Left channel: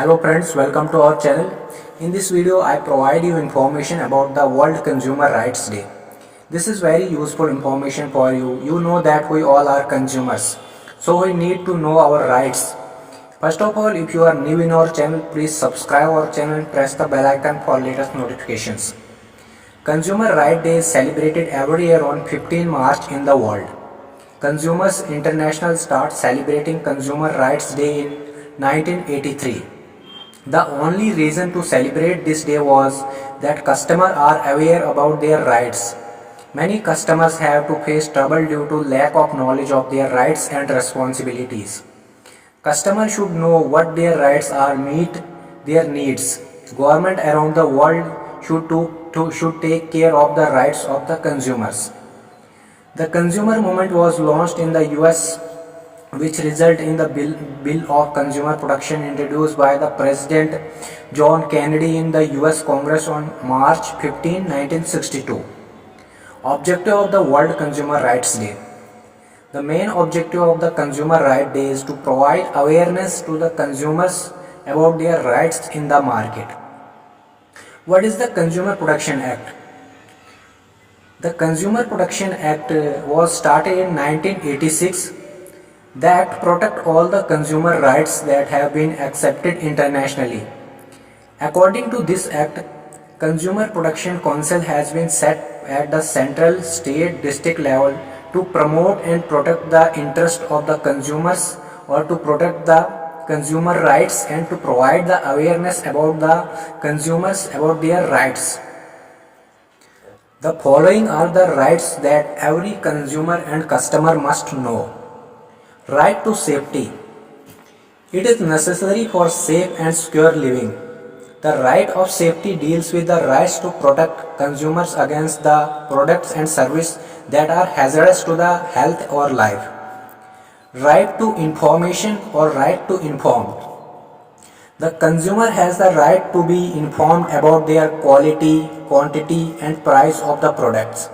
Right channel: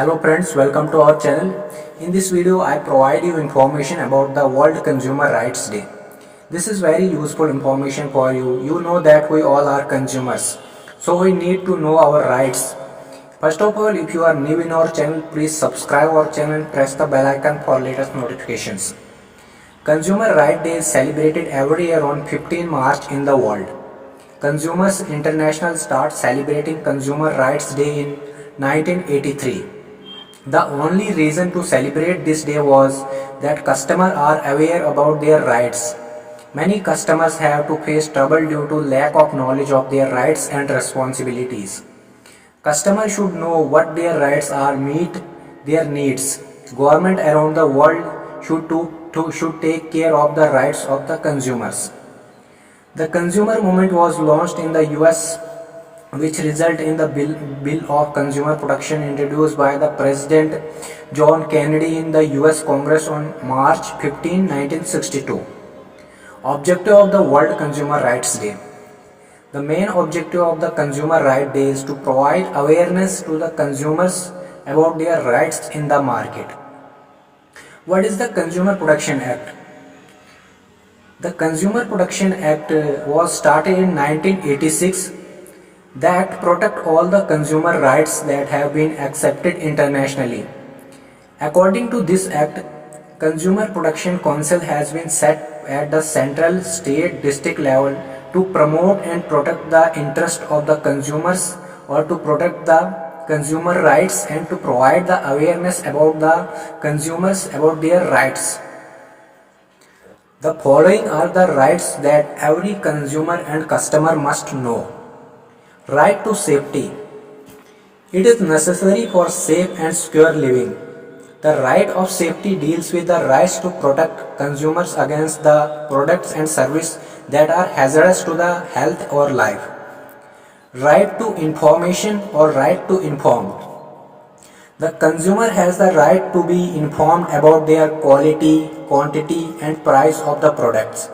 Hello friends, welcome to our channel. In this video, I provide you information about the World Consumer Rights Day. This is very useful information for you. You know that we all are consumers, so we need to know our rights. First of all, if you are new in our channel, please subscribe our channel and press the bell icon for latest notifications. Consumer Rights Day is celebrated every year on 15 March in the world. Consumers International started celebrating Consumer Rights Day in 1983. The only reason to celebrate this day was that customers are aware about their rights. Many customers have to face trouble due to lack of knowledge of their rights and responsibilities. Customers should know what their rights are, meet their needs. Government around the world should take care of the rights of the consumers. The consumer movement was launched in the US, which resulted in the Bill of Consumer Protection introduced by the President John Kennedy in the US Congress on March 15, 1962. Objective of the World Consumer Rights Day. The main objective of the Consumer Rights Day is to provide awareness to the consumers about their rights in the market. What is the Consumer Protection Act? The Consumer Protection Act was started in 1986. The Act protects all the consumer rights that have been accepted internationally. According to this Act, Consumer Protection Council has been set at the central, state, district level to promote and protect the interest of the consumers or to protect the consumer rights and to provide the awareness about the consumers about their rights. The following are the rights that every consumer and customer must know. Right to safety. It is necessary for safe and secure living. The right of safety deals with the rights to protect consumers against the products and services that are hazardous to the health or life. Right to information or right to inform. The consumer has the right to be informed about their quality, quantity and price of the products.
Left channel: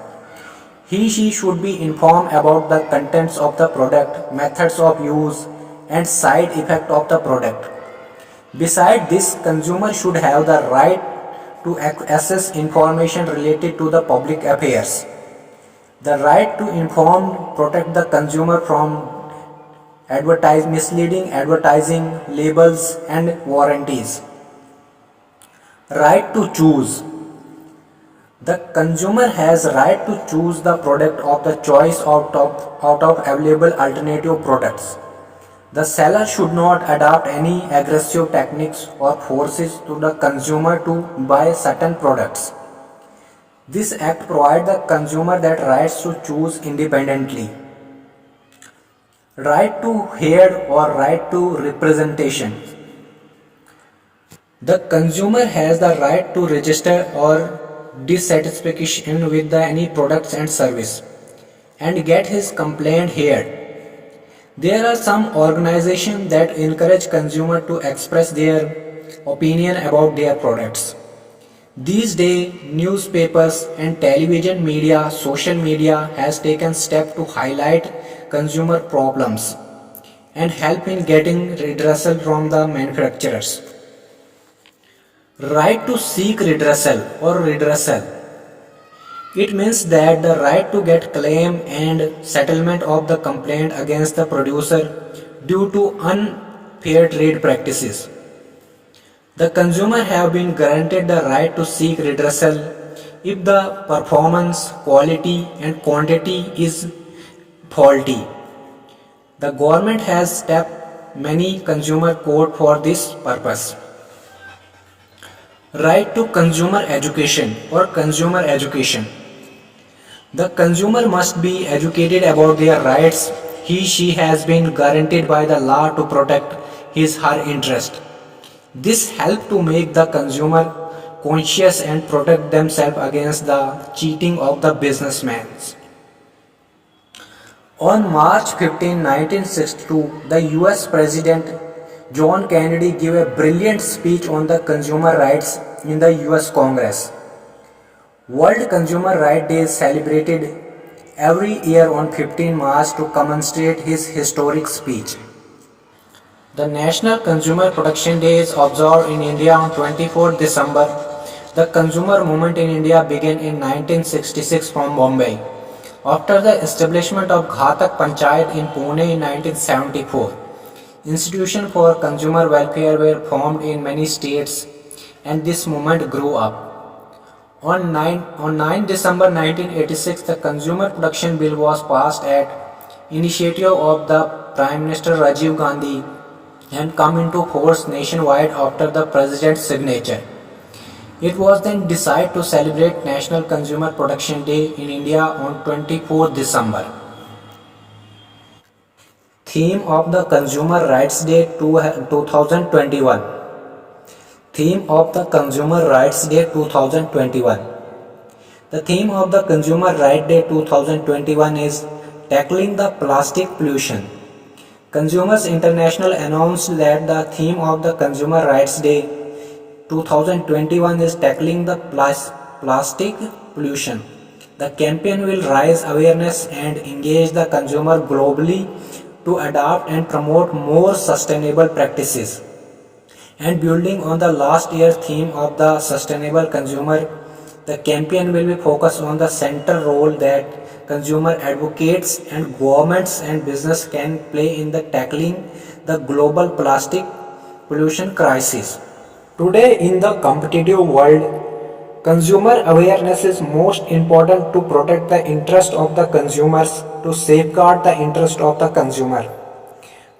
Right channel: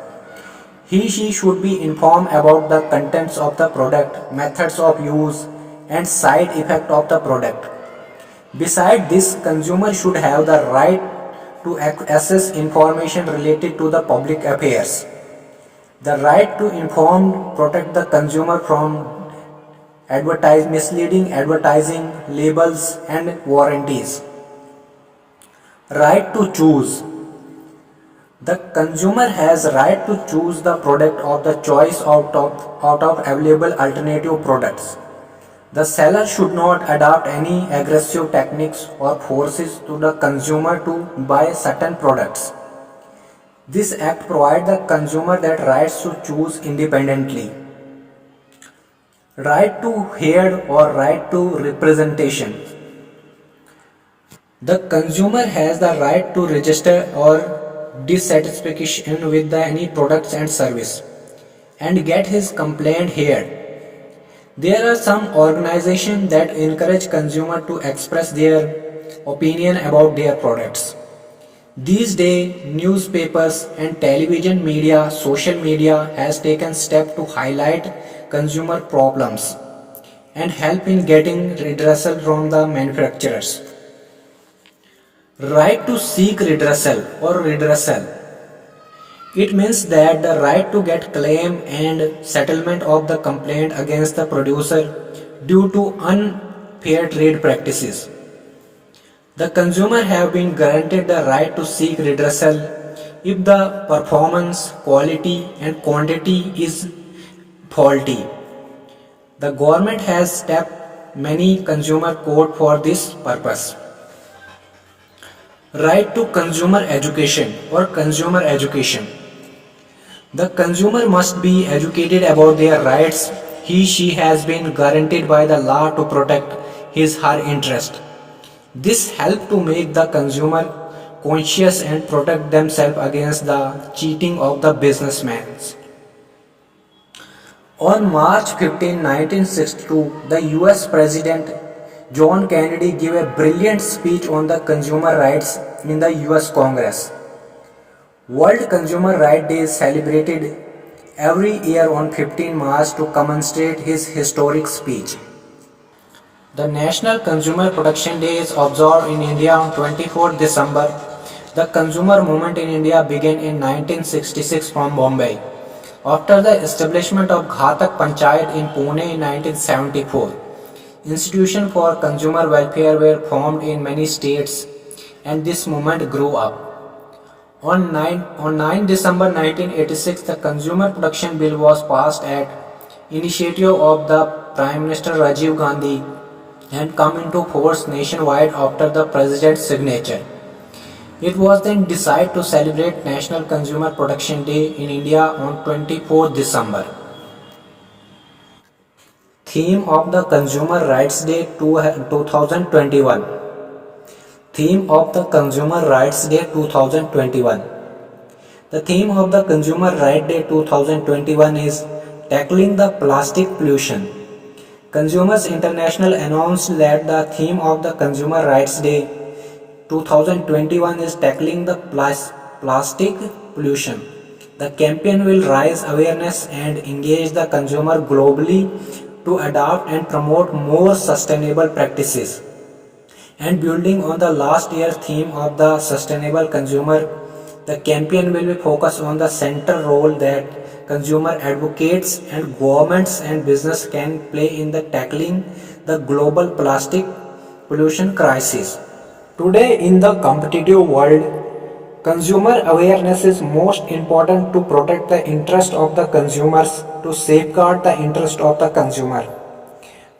She should be informed about the contents of the product, methods of use and side effect of the product. Besides this, consumer should have the right to access information related to the public affairs. The right to inform protect the consumer from misleading advertising, labels and warranties. Right to choose. The consumer has right to choose the product of the choice out of available alternative products. The seller should not adopt any aggressive techniques or forces to the consumer to buy certain products. This act provides the consumer that rights to choose independently. Right to hear or right to representation. The consumer has the right to register or dissatisfaction with any products and service and get his complaint heard. There are some organizations that encourage consumers to express their opinion about their products. These days, newspapers and television media, social media has taken steps to highlight consumer problems and help in getting redressal from the manufacturers. Right to seek redressal or redressal. It means that the right to get claim and settlement of the complaint against the producer due to unfair trade practices. The consumer have been granted the right to seek redressal if the performance, quality and quantity is faulty. The government has stepped many consumer court for this purpose. Right to consumer education or consumer education. The consumer must be educated about their rights. She has been guaranteed by the law to protect her interest. This helps to make the consumer conscious and protect themselves against the cheating of the businessmen. On March 15, 1962, the US President John Kennedy gave a brilliant speech on the consumer rights in the US Congress. World Consumer Rights Day is celebrated every year on 15 March to commemorate his historic speech. The National Consumer Protection Day is observed in India on 24th December. The consumer movement in India began in 1966 from Bombay. After the establishment of Ghatak Panchayat in Pune in 1974, institutions for consumer welfare were formed in many states and this movement grew up. On 9 December 1986, the Consumer Protection Bill was passed at initiative of the Prime Minister Rajiv Gandhi and come into force nationwide after the President's signature. It was then decided to celebrate National Consumer Protection Day in India on 24th December. Theme of the Consumer Rights Day 2021. Theme of the Consumer Rights Day 2021. The theme of the Consumer Rights Day 2021 is Tackling the Plastic Pollution. Consumers International announced that the theme of the Consumer Rights Day 2021 is Tackling the Plastic Pollution. The campaign will raise awareness and engage the consumer globally to adopt and promote more sustainable practices. And building on the last year's theme of the sustainable consumer, the campaign will be focused on the central role that consumer advocates and governments and business can play in the tackling the global plastic pollution crisis. Today in the competitive world, consumer awareness is most important to protect the interest of the consumers, to safeguard the interest of the consumer.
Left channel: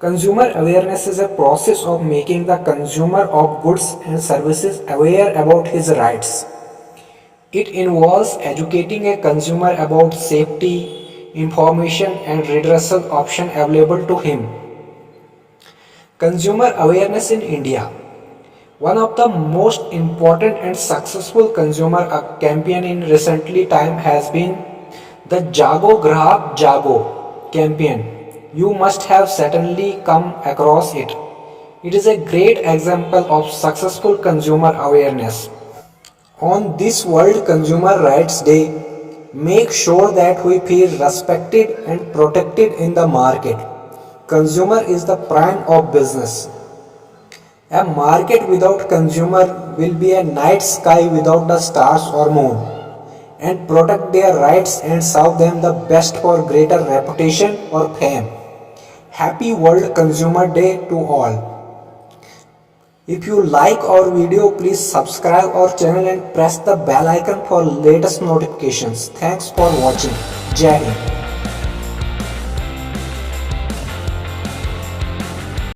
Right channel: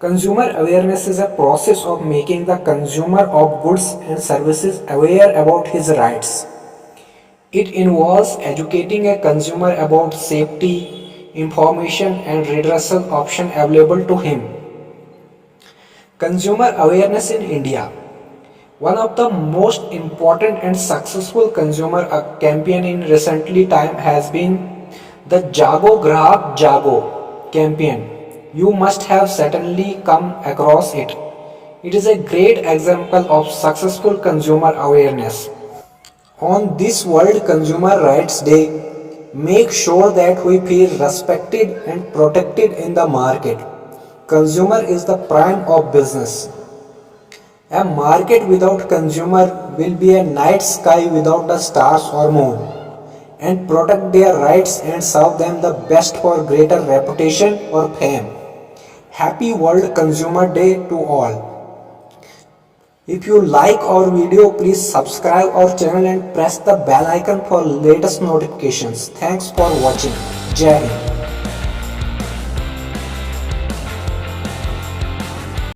Consumer awareness is a process of making the consumer of goods and services aware about his rights. It involves educating a consumer about safety, information and redressal options available to him. Consumer awareness in India. One of the most important and successful consumer campaign in recently time has been the Jago Grahak Jago campaign. You must have certainly come across it. It is a great example of successful consumer awareness. On this World Consumer Rights Day, make sure that we feel respected and protected in the market. Consumer is the prime of business. A market without consumer will be a night sky without the stars or moon. And protect their rights and serve them the best for greater reputation or fame. Happy World Consumer Day to all. If you like our video, please subscribe our channel and press the bell icon for latest notifications. Thanks for watching. Jai Hind.